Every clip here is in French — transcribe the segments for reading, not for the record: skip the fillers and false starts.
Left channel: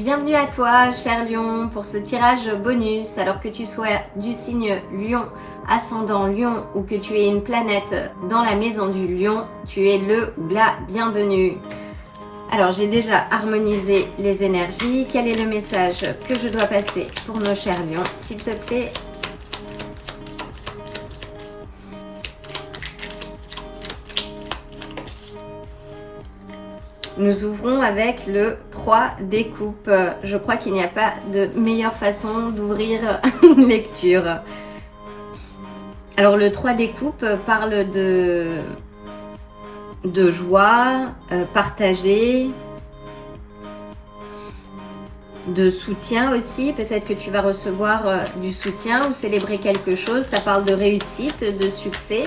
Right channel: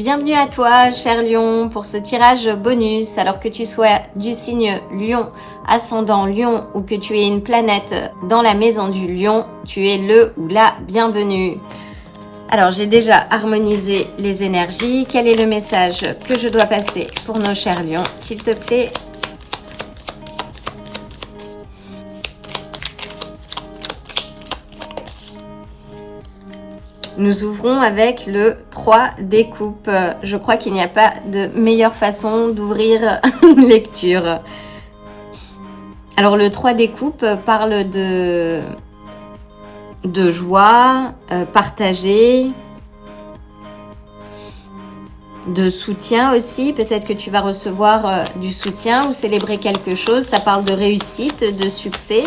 Bienvenue à toi, cher Lion, pour ce tirage bonus. Alors que tu sois du signe Lion, ascendant Lion ou que tu aies une planète dans la maison du Lion, tu es le ou la bienvenue. Alors, j'ai déjà harmonisé les énergies. Quel est le message que je dois passer pour nos chers Lions, s'il te plaît? Nous ouvrons avec le 3 des coupes. Je crois qu'il n'y a pas de meilleure façon d'ouvrir une lecture. Alors le 3 des coupes parle de joie, partagée, de soutien aussi. Peut-être que tu vas recevoir du soutien ou célébrer quelque chose. Ça parle de réussite, de succès.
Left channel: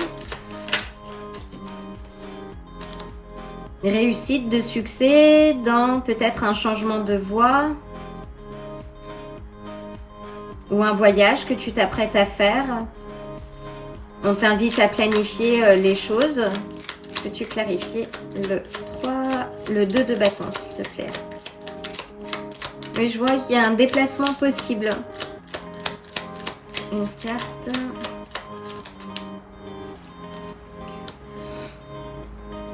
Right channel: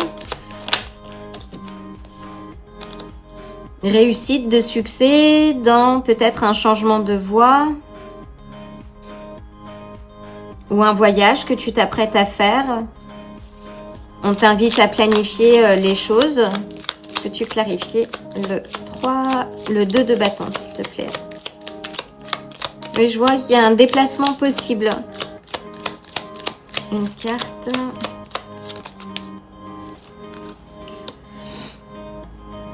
Réussite, de succès dans peut-être un changement de voie ou un voyage que tu t'apprêtes à faire. On t'invite à planifier les choses. Peux-tu clarifier le 2 de bâton, s'il te plaît? Oui, je vois qu'il y a un déplacement possible. Une carte.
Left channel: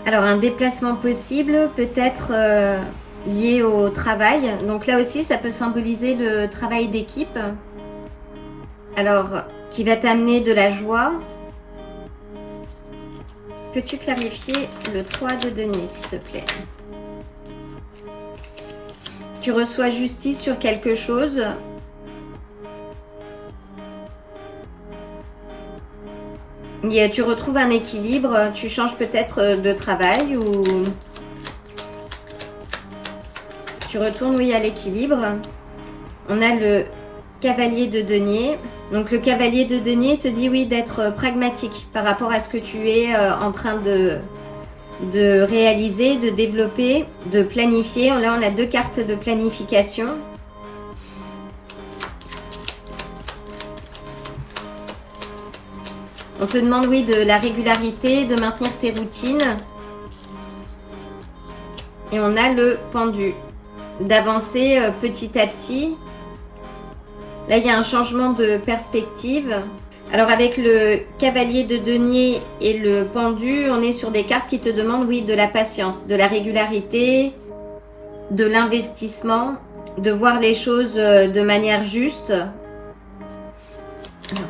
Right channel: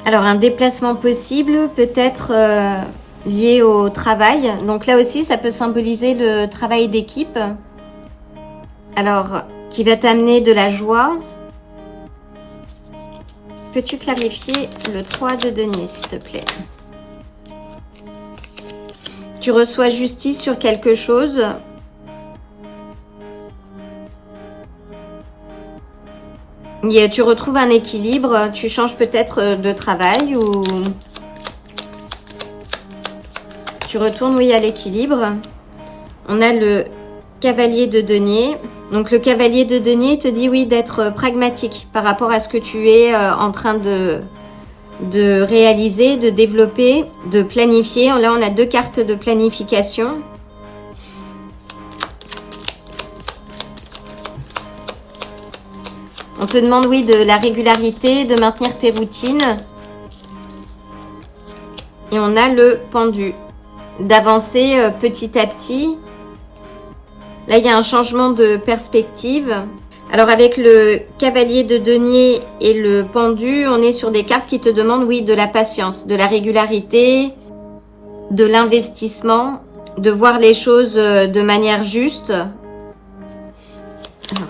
Alors, un déplacement possible, peut-être lié au travail. Donc là aussi, ça peut symboliser le travail d'équipe. Alors, qui va t'amener de la joie. Peux-tu clarifier le 3 de denier, s'il te plaît? Tu reçois justice sur quelque chose. Tu retrouves un équilibre, tu changes peut-être de travail ou tu retournes, oui, à l'équilibre. On a le cavalier de denier. Donc le cavalier de denier te dit, oui, d'être pragmatique par rapport à ce que tu es en train de réaliser, de développer, de planifier. Là, on a 2 cartes de planification. On te demande, oui, de la régularité, de maintenir tes routines. Et on a le pendu. D'avancer petit à petit. Là, il y a un changement de perspective. Alors, avec le cavalier de denier et le pendu, on est sur des cartes qui te demandent, oui, de la patience, de la régularité, de l'investissement, de voir les choses de manière juste.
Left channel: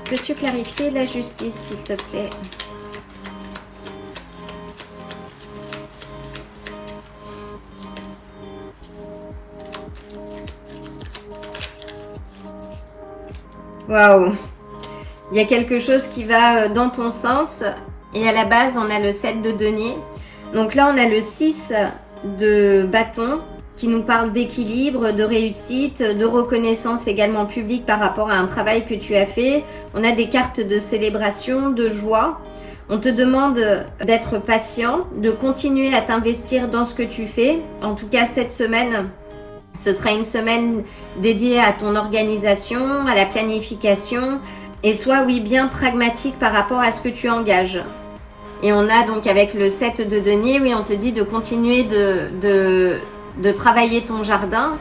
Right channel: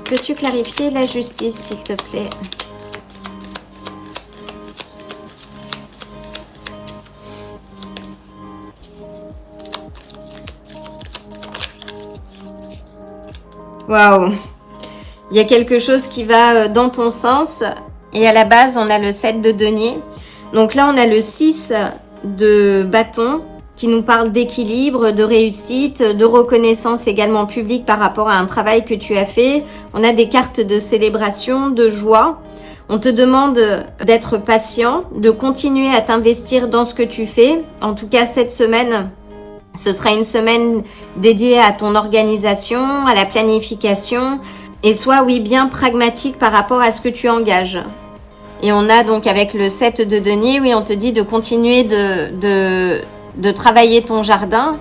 Peux-tu clarifier la justice, s'il te plaît? Waouh! Il y a quelque chose qui va dans ton sens. Et à la base, on a le 7 de denier. Donc là, on a le 6 de bâton qui nous parle d'équilibre, de réussite, de reconnaissance également publique par rapport à un travail que tu as fait. On a des cartes de célébration, de joie. On te demande d'être patient, de continuer à t'investir dans ce que tu fais. En tout cas, cette semaine, ce sera une semaine dédiée à ton organisation, à la planification. Et sois, oui, bien pragmatique par rapport à ce que tu engages. Et on a donc avec le 7 de denier, oui, on te dit de continuer de travailler ton jardin.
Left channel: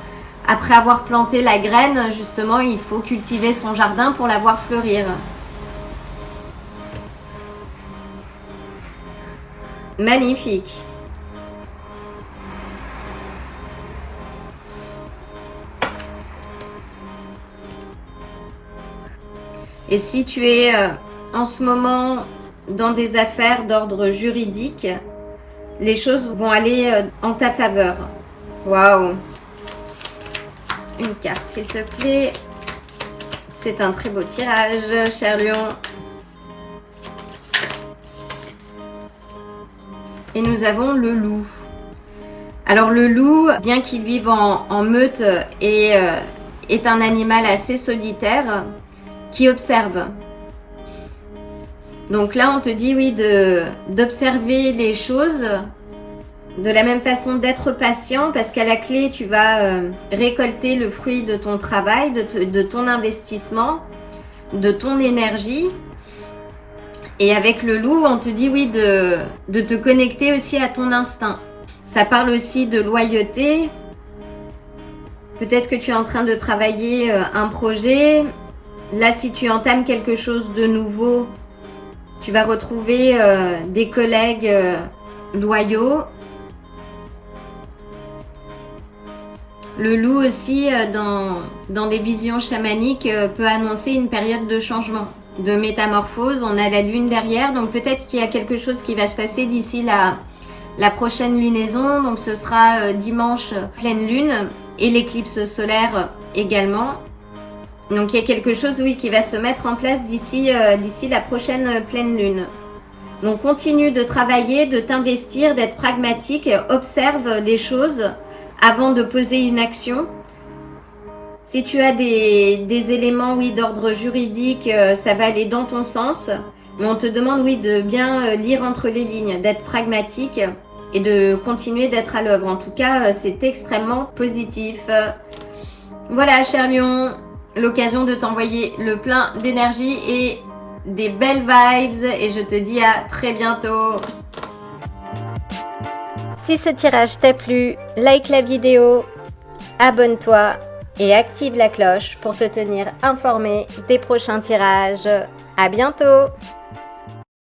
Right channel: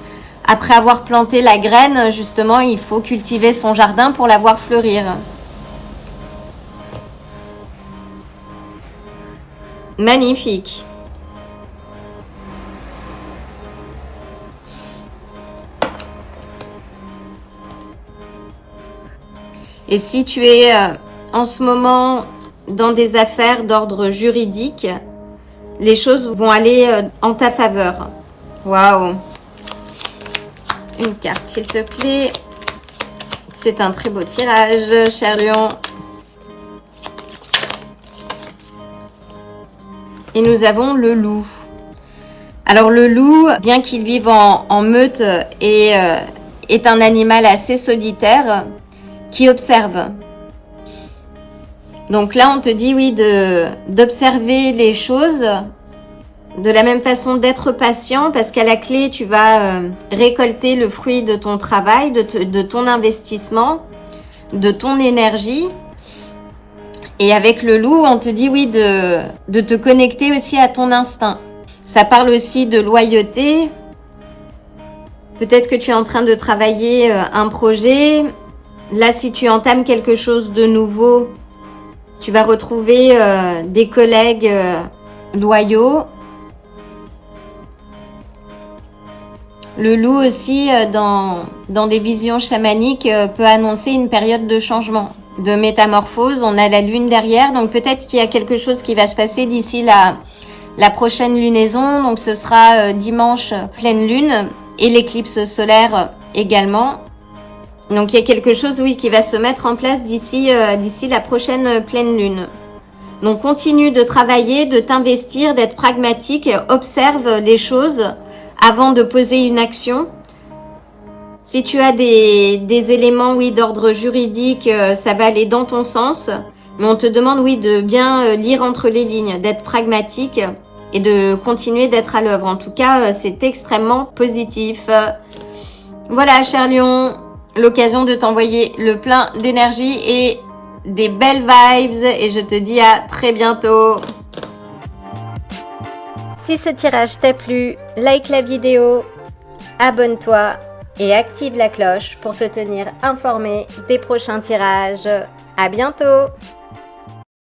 Après avoir planté la graine, justement, il faut cultiver son jardin pour la voir fleurir. Magnifique. Et si tu es en ce moment dans des affaires d'ordre juridique, les choses vont aller en ta faveur. Waouh! Une carte, s'il te plaît. C'est un très beau tirage, cher Lion. Et nous avons le loup. Alors le loup, bien qu'il vive en meute, est un animal assez solitaire qui observe. Donc là, on te dit, oui, d'observer les choses, de la même façon d'être patient, parce qu'à la clé, tu vas récolter le fruit de ton travail, de ton investissement, de ton énergie. Et avec le loup, on te dit, oui, de te connecter aussi à ton instinct. Ça parle aussi de loyauté, Peut-être que tu es en train de travailler un projet. Là, si tu entames quelque chose de nouveau, tu vas retrouver des collègues loyaux. Le loup aussi, dans des visions chamaniques, peut annoncer une période de changement, de métamorphose. On a la lune derrière, donc peut-être qu'il y a quelque chose qui va se passer d'ici la prochaine lunaison. Donc ce sera dimanche pleine lune et l'éclipse solaire également. Donc il y a quelque chose, oui, qui va se mettre en place d'ici la prochaine pleine lune. Donc continue de travailler, de t'investir, d'être pragmatique, observe les choses avant de poser une action. Si tu as des éléments, oui, d'ordre juridique, ça va aller dans ton sens. Mais on te demande, oui, de bien lire entre les lignes, d'être pragmatique et de continuer d'être à l'œuvre. En tout cas, c'est extrêmement positif. Voilà, cher Lion, l'occasion de t'envoyer le plein d'énergie et des belles vibes. Et je te dis à très bientôt. Si ce tirage t'a plu, like la vidéo, abonne-toi et active la cloche pour te tenir informé des prochains tirages. À bientôt!